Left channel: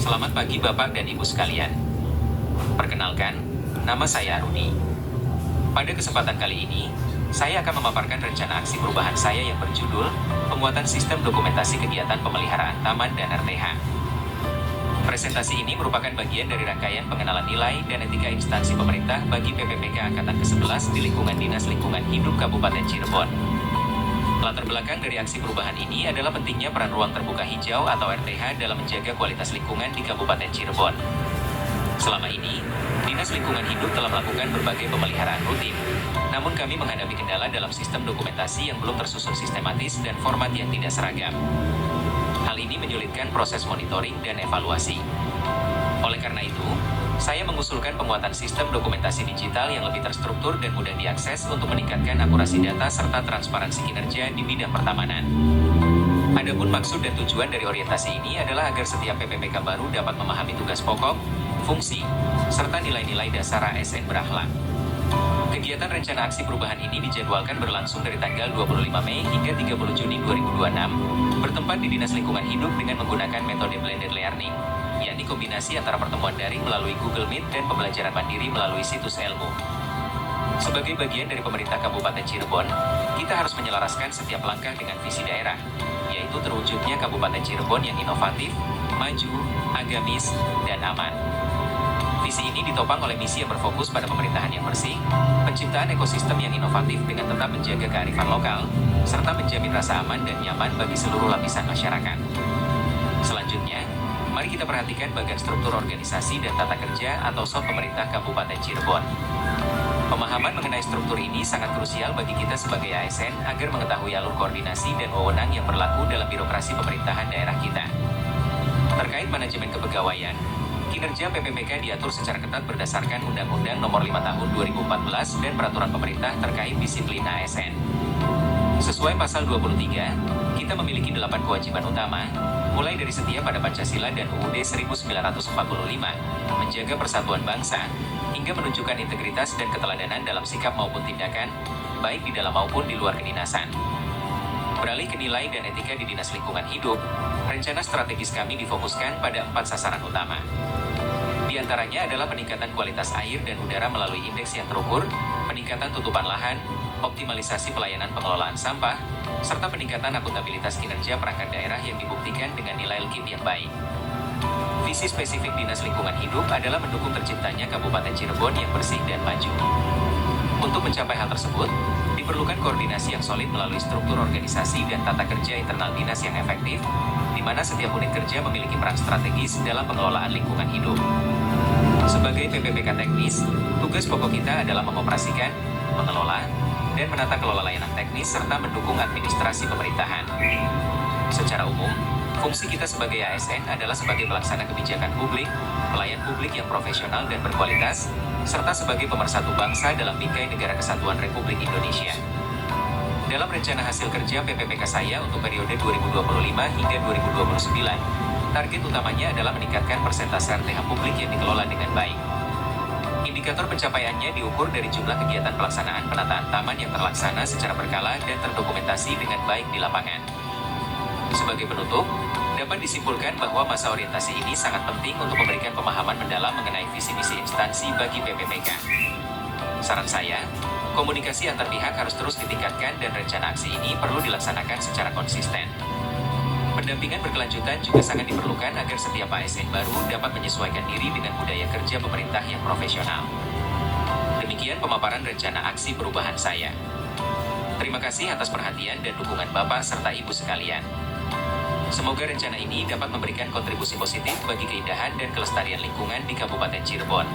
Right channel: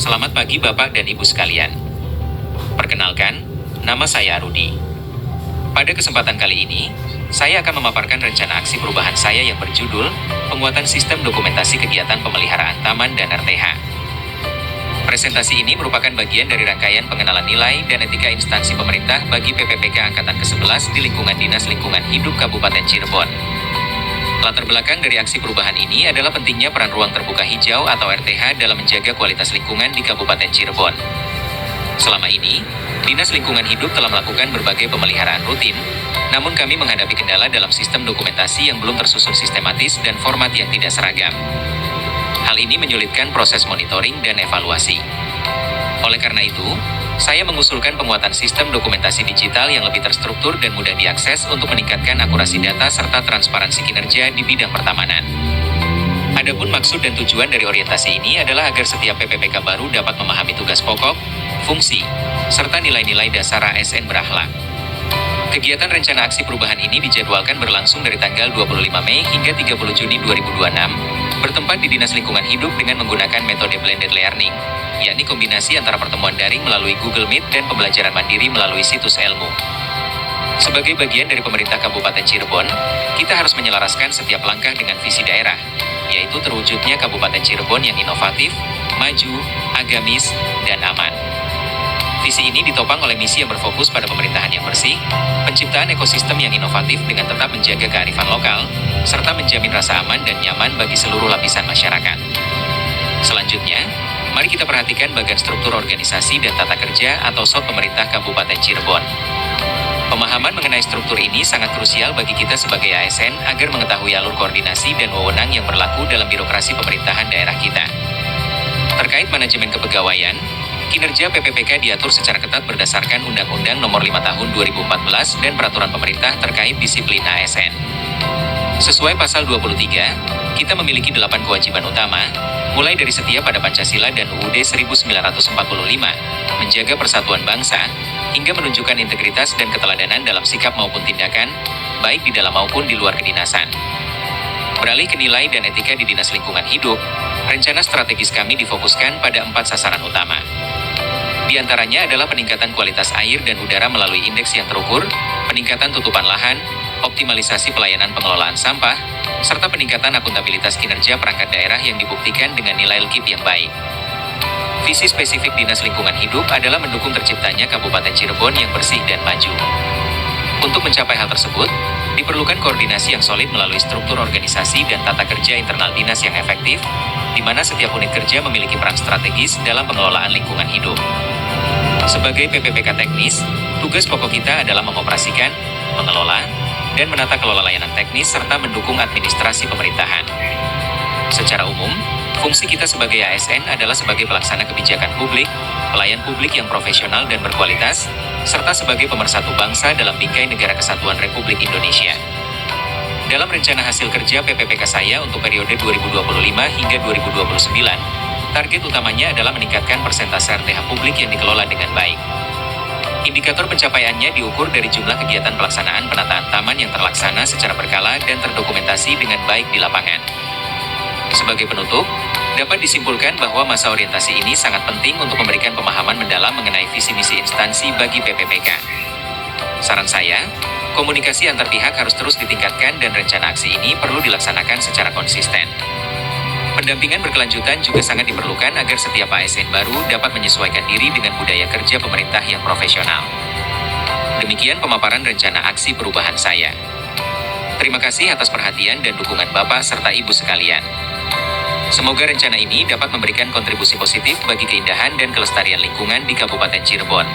Selamat pagi Bapak dan Ibu sekalian. Perkenalkan, nama saya Rudi. Pada kesempatan kali ini, saya akan memaparkan rencana aksi perubahan saya yang berjudul Penguatan Sistem Dokumentasi Kegiatan Pemeliharaan Taman dan RTH. Presentasi ini merupakan bagian dari rangkaian pengenalan nilai dan etika instansi pemerintah bagi PPPK Angkatan ke-11 di lingkungan Dinas Lingkungan Hidup Kabupaten Cirebon. Latar belakang dari aksi perubahan ini adalah pentingnya peran ruang terbuka hijau atau RTH dalam menjaga kualitas lingkungan di Kabupaten Cirebon. Selama ini, Dinas Lingkungan Hidup telah melakukan berbagai pemeliharaan rutin, namun kami menghadapi kendala dalam sistem dokumentasi yang belum tersusun sistematis dan format yang tidak seragam. Hal ini menyulitkan proses monitoring dan evaluasi. Oleh karena itu, saya mengusulkan penguatan sistem dokumentasi digital yang lebih terstruktur dan mudah diakses untuk meningkatkan akurasi data serta transparansi kinerja di bidang pertamanan. Adapun maksud dan tujuan dari orientasi ini adalah agar setiap PPPK baru dapat memahami tugas pokok, fungsi, serta nilai-nilai dasar ASN berakhlak. Kegiatan rencana aksi perubahan ini dijadwalkan berlangsung dari tanggal 25 Mei hingga 30 Juni 2026, bertempat di Dinas Lingkungan Hidup dengan menggunakan metode blended learning, yakni kombinasi antara pertemuan daring melalui Google Meet dan pembelajaran mandiri melalui situs ilmu. Sebagai bagian dari pemerintah Kabupaten Cirebon, kita harus menyelaraskan setiap langkah dengan visi daerah, yaitu terwujudnya Kabupaten Cirebon yang inovatif, maju, agamis, dan aman. Visi ini ditopang oleh misi yang berfokus pada pemerintahan yang bersih, penciptaan ekosistem yang inovatif dengan tetap menjaga kearifan lokal, serta menjamin rasa aman dan nyaman bagi seluruh lapisan masyarakat. Selanjutnya, mari kita perhatikan bagian struktur organisasi dan tata kerja atau SOT pemerintah Kabupaten Cirebon. Pemahaman mengenai struktur ini sangat krusial bagi kita sebagai ASN agar mengetahui alur koordinasi dan wewenang yang berlaku dalam birokrasi pemerintahan daerah kita. Terkait manajemen kepegawaian, kinerja PPPK diatur secara ketat berdasarkan Undang-Undang Nomor 5 Tahun 2014 dan Peraturan Pemerintah terkait disiplin ASN. Sesuai Pasal 23, kita memiliki 8 kewajiban utama, mulai dari setia pada Pancasila dan UUD 1945, menjaga persatuan bangsa, hingga menunjukkan integritas dan keteladanan dalam sikap maupun tindakan, baik di dalam maupun di luar kedinasan. Beralih ke nilai dan etika di Dinas Lingkungan Hidup, rencana strategis kami difokuskan pada 4 sasaran utama. Di antaranya adalah peningkatan kualitas air dan udara melalui indeks yang terukur, peningkatan tutupan lahan, optimalisasi pelayanan pengelolaan sampah, serta peningkatan akuntabilitas kinerja perangkat daerah yang dibuktikan dengan nilai LKIP yang baik. Visi spesifik Dinas Lingkungan Hidup adalah mendukung terciptanya Kabupaten Cirebon yang bersih dan maju. Untuk mencapai hal tersebut, diperlukan koordinasi yang solid melalui struktur organisasi dan tata kerja internal dinas yang efektif, di mana setiap unit kerja memiliki peran strategis dalam pengelolaan lingkungan hidup. Sebagai PPPK teknis, tugas pokok kita adalah mengoperasikan, mengelola, dan menata kelola layanan teknis serta mendukung administrasi pemerintahan. Secara umum, fungsi kita sebagai ASN adalah sebagai pelaksana kebijakan publik, pelayan publik yang profesional dan berkualitas, serta sebagai pemersatu bangsa dalam bingkai Negara Kesatuan Republik Indonesia. Dalam rencana hasil kerja PPPK saya untuk periode 2025 hingga 2029, target utamanya adalah meningkatkan persentase RTH publik yang dikelola dengan baik. Indikator pencapaiannya diukur dari jumlah kegiatan pelaksanaan penataan taman yang terlaksana secara berkala dan terdokumentasi dengan baik di lapangan. Sebagai penutup, dapat disimpulkan bahwa masa orientasi ini sangat penting untuk memberikan pemahaman mendalam mengenai visi misi instansi bagi PPPK. Saran saya, komunikasi antar pihak harus terus ditingkatkan dan rencana aksi ini perlu dilaksanakan secara konsisten. Pendampingan berkelanjutan juga sangat diperlukan agar setiap ASN baru dapat menyesuaikan diri dengan budaya kerja pemerintah yang profesional. Demikian pemaparan rencana aksi perubahan saya. Terima kasih atas perhatian dan dukungan Bapak serta Ibu sekalian. Semoga rencana ini dapat memberikan kontribusi positif bagi keindahan dan kelestarian lingkungan di Kabupaten Cirebon.